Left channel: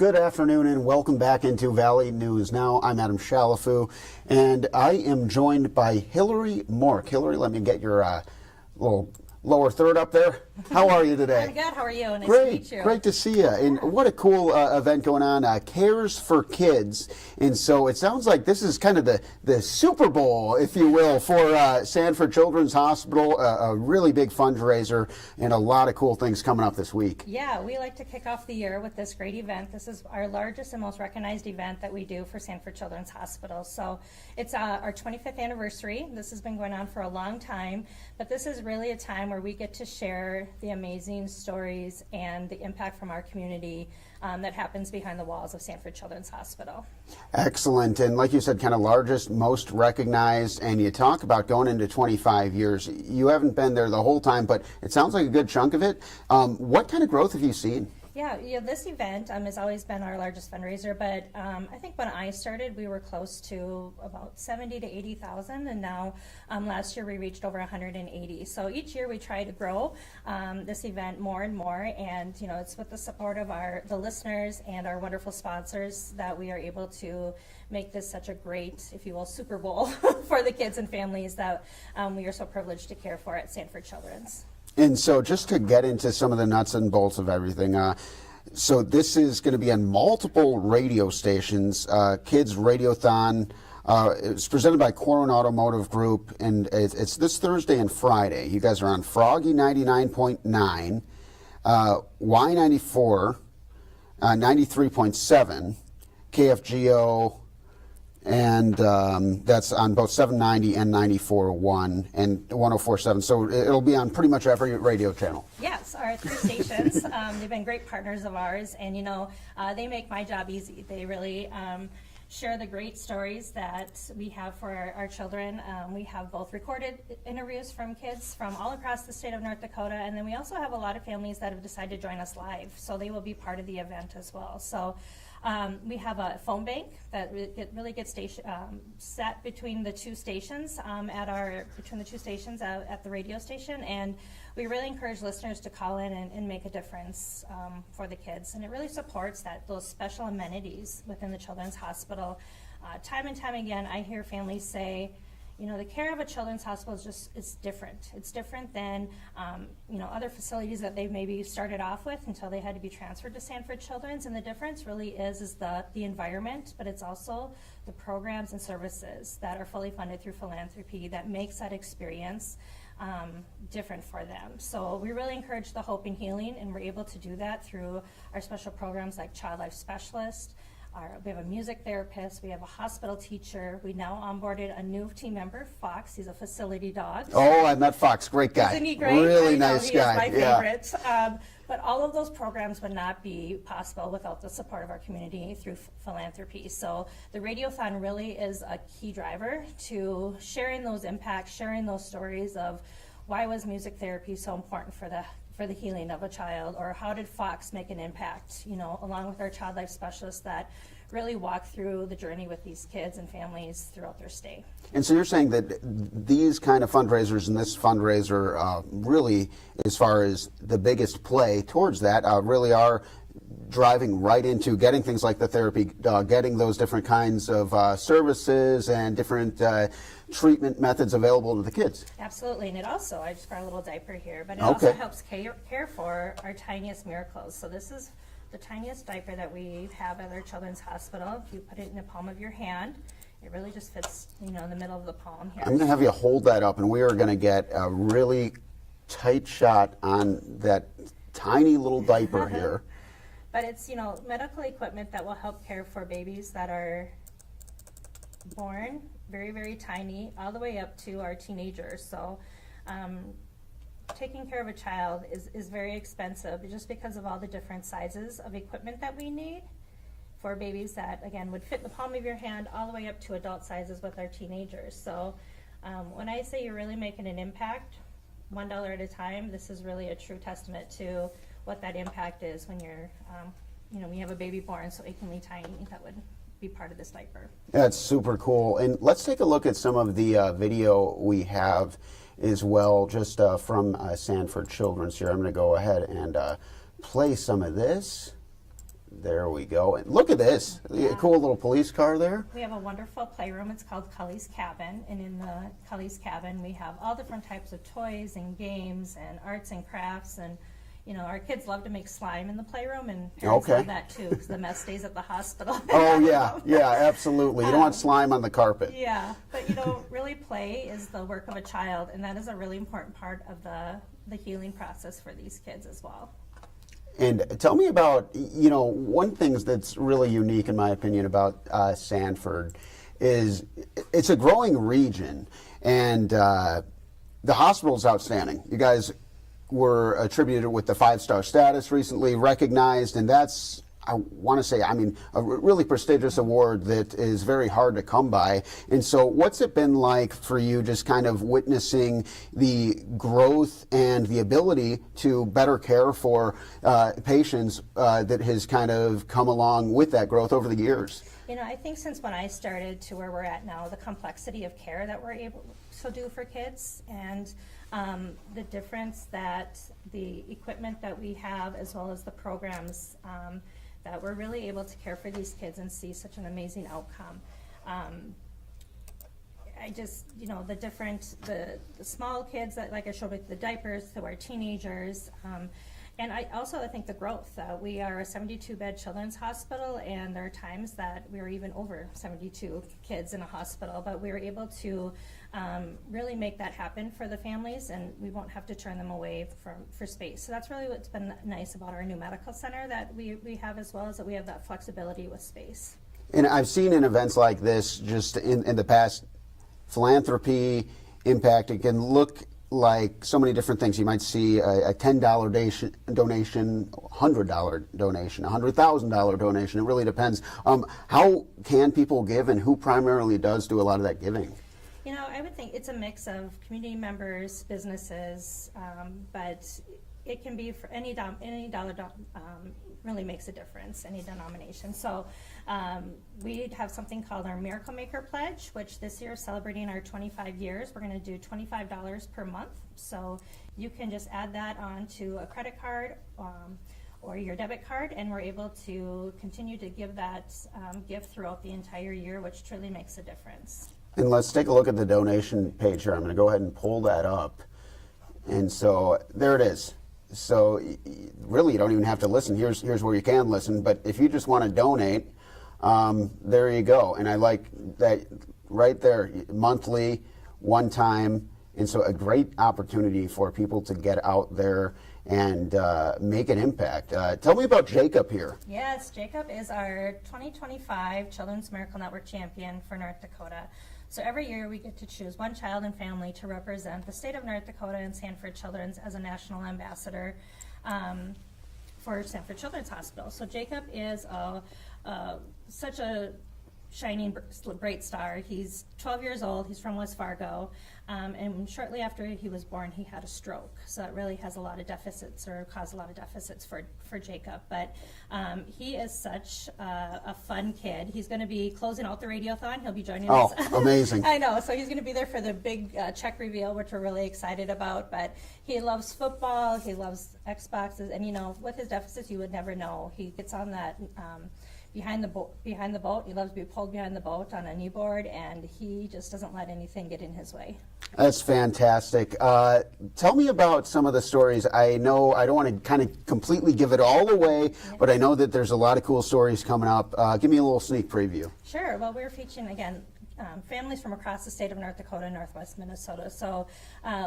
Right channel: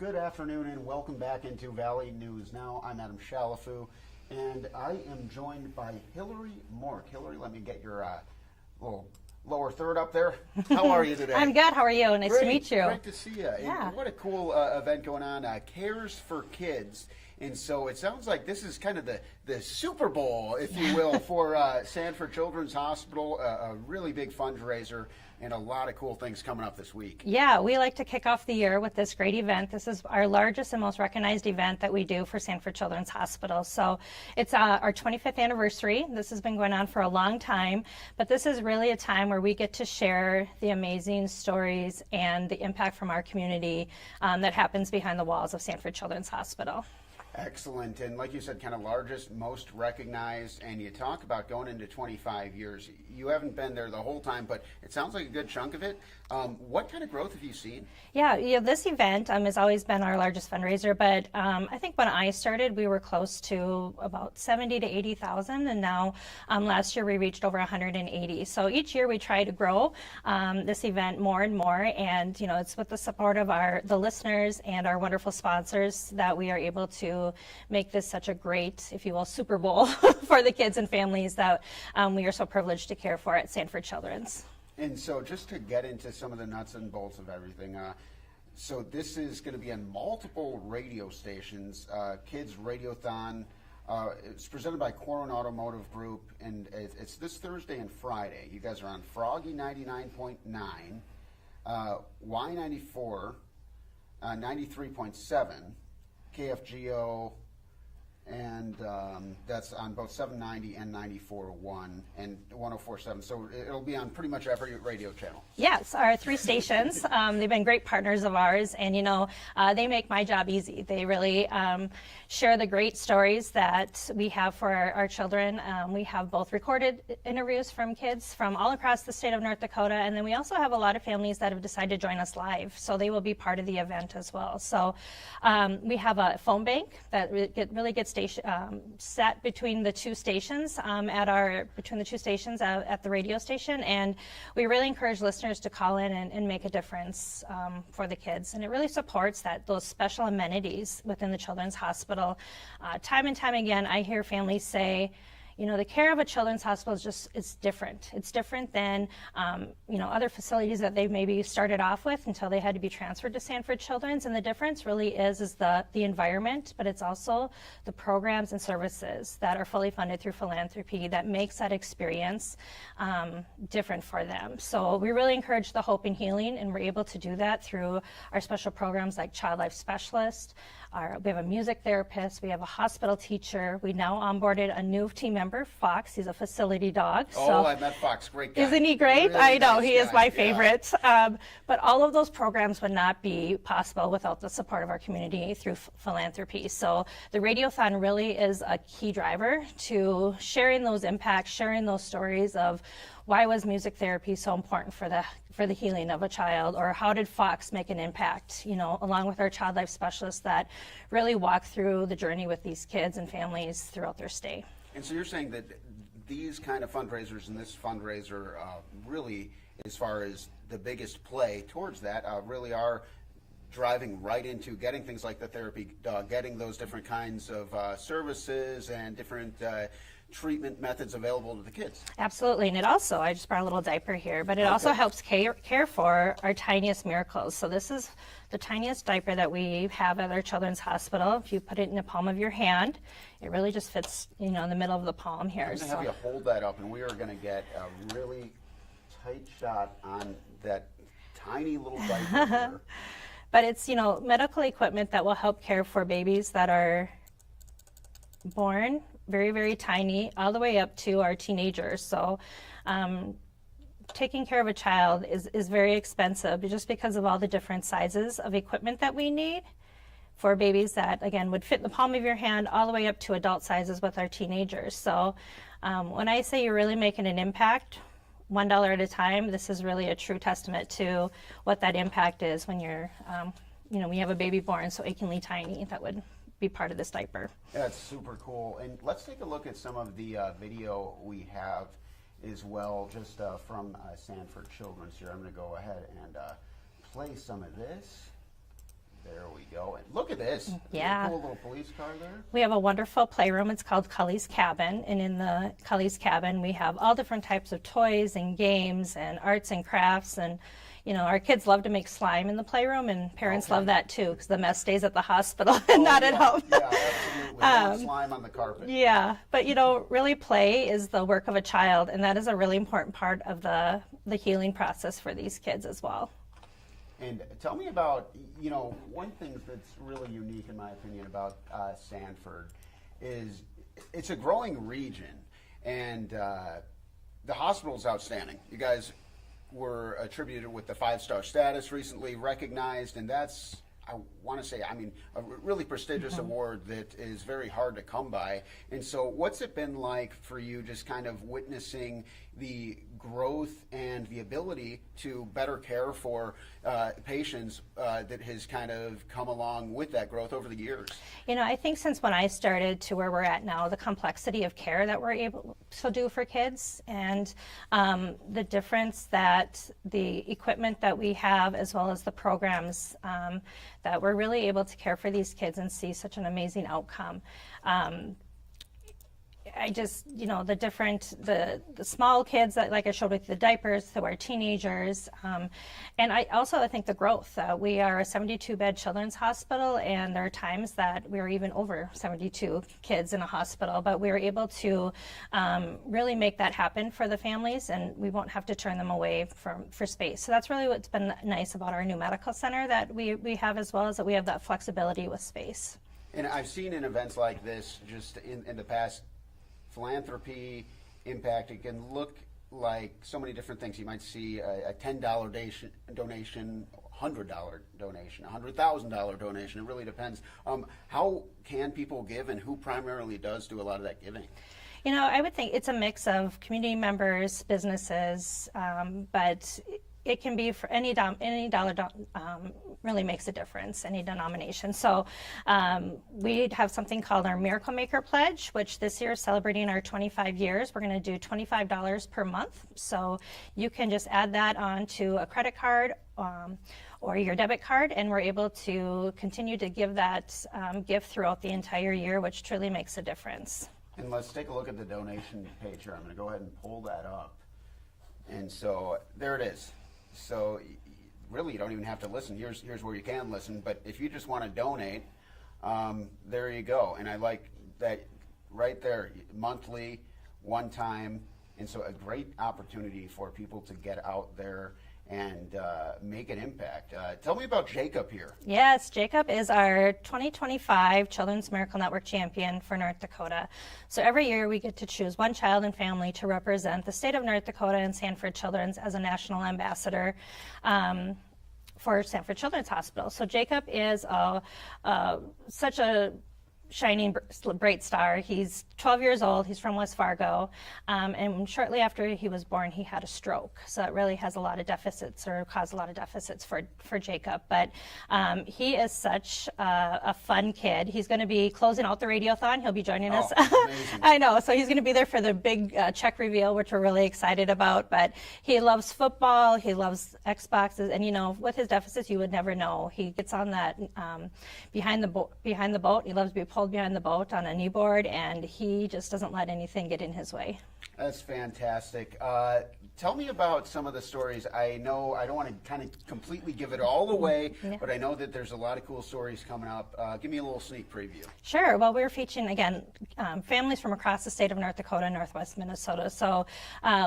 Good afternoon and welcome back into Valley News Now. I'm Adam Shalafu and I am joined by Hillery Mork. Hillery, let me get your little lower third up there. How are you today? I'm good. How are you? Nice Great, to meet you. Great to see you. And what a cool event going on, Cares for Kids. And so it sounds like this is kind of the Super Bowl, if you will, for Sanford Children's Hospital, a really big fundraiser and a lot of cool things coming up this week. Yeah, we like to kick off the year with this great event. This is our largest and most recognized event that we do for Sanford Children's Hospital. So it's our 25th anniversary. This has been going on for a long time, but this is really a time where we get to share the amazing stories and the impact from our community that happens behind the walls of Sanford Children's Hospital. Excellent. And like you said, kind of largest, most recognized, and you talk about going into 25 years. You haven't been there the whole time, but it sounds like a good chunk of it. What kind of growth have you seen? Yeah, this event has always been our largest fundraiser, but I think when I started, we were close to about 70 to 80,000, and now last year we reached over 180. So each year we try to grow this event more and more, and it's with the support of the listeners and our wonderful sponsors that we are able to make this such a great, if you will, Super Bowl for the kids and families that we are so privileged to care for at Sanford Children's. And so just to get into some of the nuts and bolts of everything, so this is going to be on multiple radio stations, Kids Radiothon. It's presented by Corwin Automotive Group, and it's this Thursday and Friday. You guys are on Froggy 99.9, Y94, 93.7, KFGO, and that's on both 790 and 94.1 and 104.7. So it'll be on pretty much every radio channel. Yes, our three stations. They've been great partners of ours, and they make my job easy. They really share the great stories that we have for our children. We have both recorded interviews from kids from all across the state of North Dakota, and then we also have a lot of families that have decided to join us live, so they will be part of the event as well. So we have a phone bank that really gets set between the two stations at the radio station, and we really encourage listeners to call in and make a difference for the kids. And it really supports those special amenities within the Children's Hospital. Time and time again, I hear families say, the care of a children's hospital is different. It's different than, other facilities that they maybe started off with until they had to be transferred to Sanford Children's. And the difference really is the environment, but it's also the programs and services that are fully funded through philanthropy that makes that experience different for them. So we really encourage the hope and healing, and we're able to do that through our special programs like Child Life Specialist. We have a music therapist, we have a hospital teacher. We now onboarded a new team member, Fox. He's a facility dog. Oh, I met Fox, great guy. Isn't he great? Really I know, nice he guy. is my favorite. But all of those programs would not be possible without the support of our community through philanthropy. So the Radiothon really is a key driver to sharing those impacts, sharing those stories of why was music therapy so important for the healing of a child, or how did Fox make an impact, along with our Child Life Specialists that really walk through the journey with these kids and families throughout their stay. And so you're saying that these kind of fundraisers and this fundraiser really, as far as the biggest play towards that, really are driving right into getting things like the therapy, getting those different kinds of services and different treatment methods available to the kids. Absolutely, and it also, I just brought a little diaper here, but it also helps care for our tiniest miracles. So this is the tiniest diaper that we have at our Children's Hospital. If you put it in the palm of your hand, it really just fits, in the middle of the palm here. I'm going to have you hold that up, and we are going to get a really tight shot on that tiny little diaper here. But it's, medical equipment that will help care for babies that are born very, very tiny, all the way up to our teenagers. So taking care of a child is very expensive just because of all the different sizes of equipment that we need for babies that, again, would fit in the palm of your hand all the way up to adult sizes with our teenagers. So when I say you're really making an impact, $1 at a time, this is really a true testament to what that impact is when you're, when you have a baby born so achingly tiny that would be part of this diaper. That's super cool. And let's take a look at some of the video we have as well, just from Sanford Children's here. I'm going to go ahead and play some of this. There we go. And look at this. Yeah. A cool little police car there. We have a wonderful playroom. It's called Cully's Cabin. And in the Cully's Cabin, we have all different types of toys and games and arts and crafts. And, you know, our kids love to make slime in the playroom, and parents Okay. love that too, because the mess stays at the hospital and Oh, not at yeah, home. yeah, absolutely. You don't want slime on the carpet. Yeah, but you know, really play is the work of a child, and that is a really important part of the healing process for these kids as well. And tell me about, you know, one thing that's really unique in my opinion about Sanford is it's a growing region, and the hospital's outstanding. You guys were attributed with the 5-star status recently, recognized, and that's, I want to say, I mean, a really prestigious award that is very hard to come by. And so what's it been like for you just kind of witnessing the growth and the ability to better care for patients that has kind of come along with that growth over the years? You know, I think since when I started to where we're at now, the complexity of care that we're able to do for kids, and the difference that the equipment that we have, as well as the programs, that we're really able to care for these kids and see such an amazing outcome. I just, you know, the small kids that, like I showed with the diapers, to our teenagers, and I think the growth. We are a 72-bed children's hospital, and there are times that we are even over 72 kids in a hospital, but we are able to really make that happen for the families, and we won't have to turn them away for space. So that's really what's been nice about our new medical center that we have, as well as that we have that flexibility with space. And I've seen in events like this, just in the past, philanthropy, impact, it can look like so many different things. You might see a $10 donation, $100 donation, $100,000 donation. It really depends. How can people give, and who primarily does do a lot of that giving? You know, I would think it's a mix of community members, businesses, but it can be for any dollar really makes a difference, any denomination. So we have something called our Miracle Maker Pledge, which this year is celebrating our 25 years. We're going to do $25 per month. So you can just add that onto a credit card or your debit card, and we're able to continue to give that gift throughout the entire year, which truly makes a difference. And let's take a look at the donation page here. I'm going to go ahead and pull that up. And so there it is. So really, you don't even have to listen. Here's where you can listen. But if you just want to donate, there you go. And I like that right there, monthly, one time. And so a great opportunity for people to get out there and make an impact. Tell me about Jacob here. Yes, Jacob is our 2025 Children's Miracle Network champion for North Dakota. So every year we get to choose one child and family to represent the state of North Dakota and Sanford Children's as a national ambassador for Sanford Children's Hospital. So Jacob is such a shining bright star. He's 12 years old. He's from West Fargo, and shortly after he was born, he had a stroke. So it really has a lot of deficits, or caused a lot of deficits for Jacob. But he is such a fun kid. He's going to be closing out the Radiothon. He'll be joining us. Oh, amazing! I know. So he's going to be there for the big check reveal, which we're really excited about. But he loves football. He loves Xboxes, and you know, with his deficits, you would never know. He gets on that behind the boat. He loves to be pulled behind the boat on a kneeboard, and he just doesn't let anything get in his way. That's fantastic. Tell me about some of the stories. I know I don't want to kind of completely give it all away, but I know that there's a lot of cool stories coming up. Give me a little sneak preview. Sure. Well, we're featuring, again, families from across the state of North Dakota and Northwest Minnesota. So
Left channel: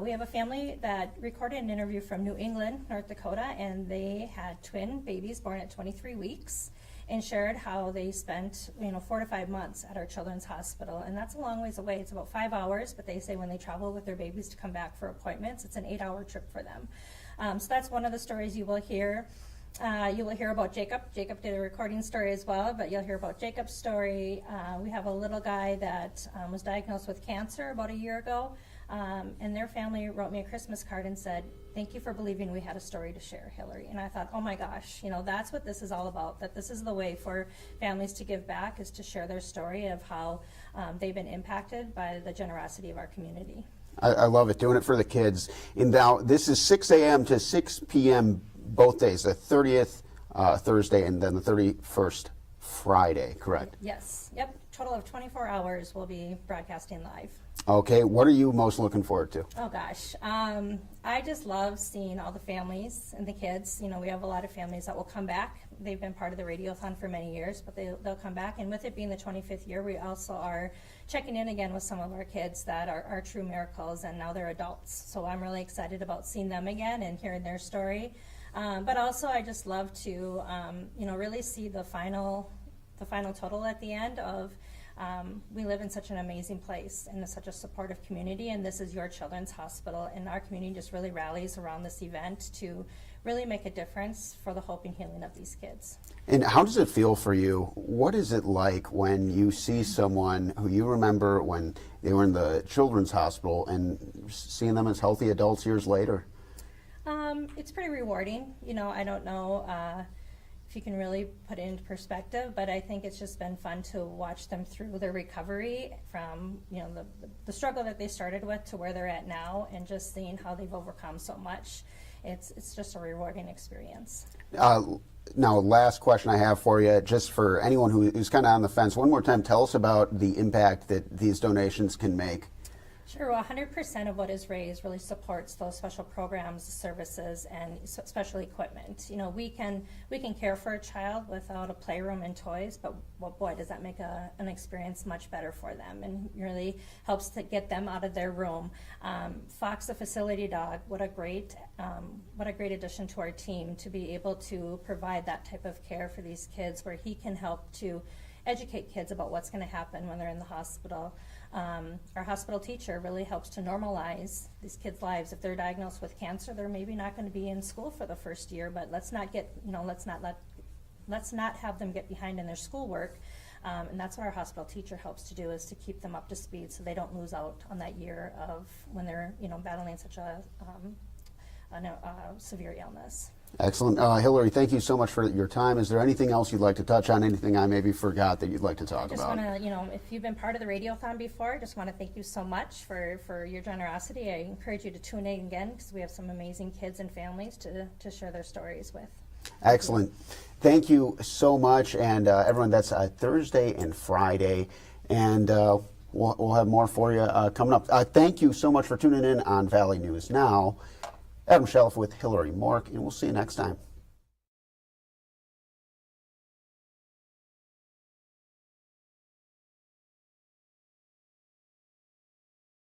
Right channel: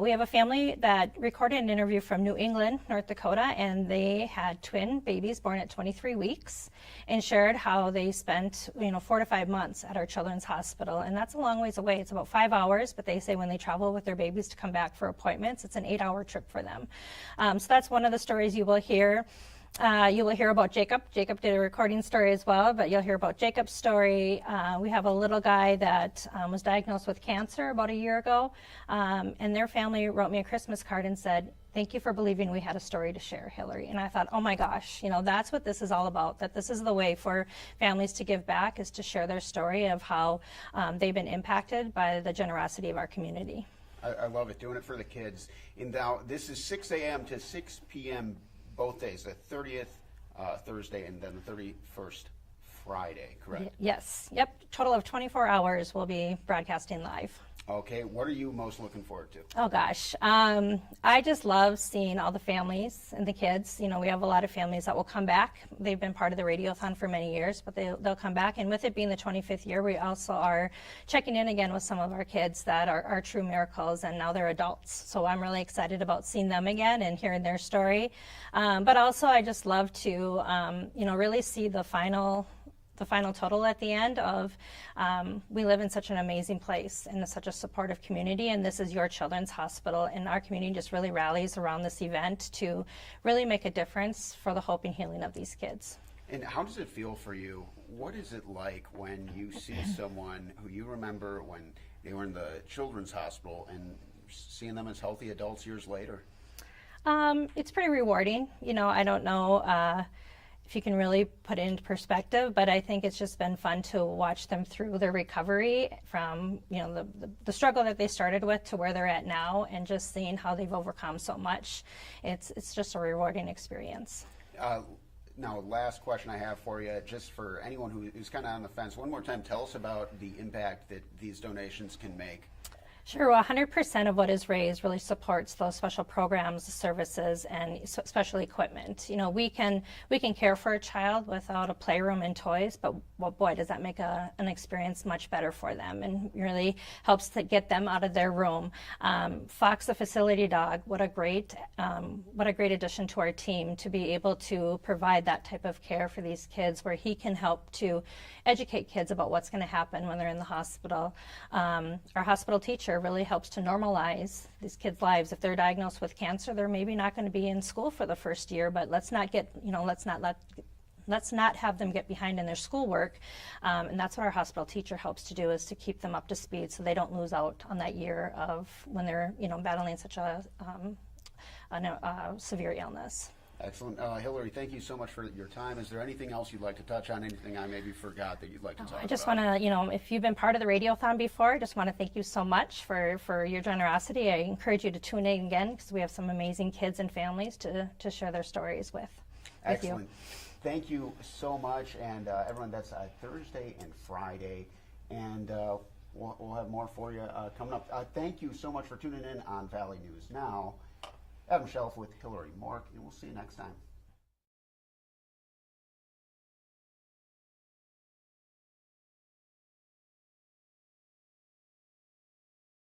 we have a family that recorded an interview from New England, North Dakota, and they had twin babies born at 23 weeks. And shared how they spent, 4 to 5 months at our children's hospital. And that's a long ways away. It's about 5 hours, but they say when they travel with their babies to come back for appointments, it's an 8-hour trip for them. So that's one of the stories you will hear. You will hear about Jacob. Jacob did a recording story as well, but you'll hear about Jacob's story. We have a little guy that was diagnosed with cancer about a year ago, and their family wrote me a Christmas card and said, "Thank you for believing we had a story to share, Hillary." And I thought, oh my gosh, that's what this is all about, that this is the way for families to give back, is to share their story of how they've been impacted by the generosity of our community. I love it, doing it for the kids. And now this is 6 a.m. to 6 p.m. both days, the 30th Thursday, and then the 31st Friday, correct? Yes. Yep. Total of 24 hours we'll be broadcasting live. Okay, what are you most looking forward to? Oh gosh, I just love seeing all the families and the kids. You know, we have a lot of families that will come back. They've been part of the Radiothon for many years, but they'll come back. And with it being the 25th year, we also are checking in again with some of our kids that are true miracles, and now they're adults. So I'm really excited about seeing them again and hearing their story. But also, I just love to, really see the final total at the end of we live in such an amazing place and such a supportive community, and this is your children's hospital, and our community just really rallies around this event to really make a difference for the hope and healing of these kids. And how does it feel for you? What is it like when you see someone who you remember when they were in the children's hospital and seeing them as healthy adults years later? It's pretty rewarding. You know, I don't know if you can really put it into perspective, but I think it's just been fun to watch them through their recovery from, the struggle that they started with to where they're at now, and just seeing how they've overcome so much. It's just a rewarding experience. Now, last question I have for you, just for anyone who's kind of on the fence, one more time, tell us about the impact that these donations can make. Sure. Well, 100% of what is raised really supports those special programs, services, and special equipment. You know, we can care for a child without a playroom and toys, but well, boy, does that make an experience much better for them, and really helps to get them out of their room. Fox, the facility dog, what a great addition to our team to be able to provide that type of care for these kids, where he can help to educate kids about what's going to happen when they're in the hospital. Our hospital teacher really helps to normalize these kids' lives. If they're diagnosed with cancer, they're maybe not going to be in school for the first year, but let's not have them get behind in their schoolwork. And that's what our hospital teacher helps to do, is to keep them up to speed so they don't lose out on that year of when they're battling such a severe illness. Excellent. Hillary, thank you so much for your time. Is there anything else you'd like to touch on, anything I maybe forgot that you'd like to talk about? I just want to, if you've been part of the Radiothon before, I just want to thank you so much for your generosity. I encourage you to tune in again, because we have some amazing kids and families to share their stories with. Excellent. Thank you so much. And everyone, that's Thursday and Friday. And we'll have more for you coming up. Thank you so much for tuning in on Valley News Now. Adam Shelf with Hillary Mork, and we'll see you next time.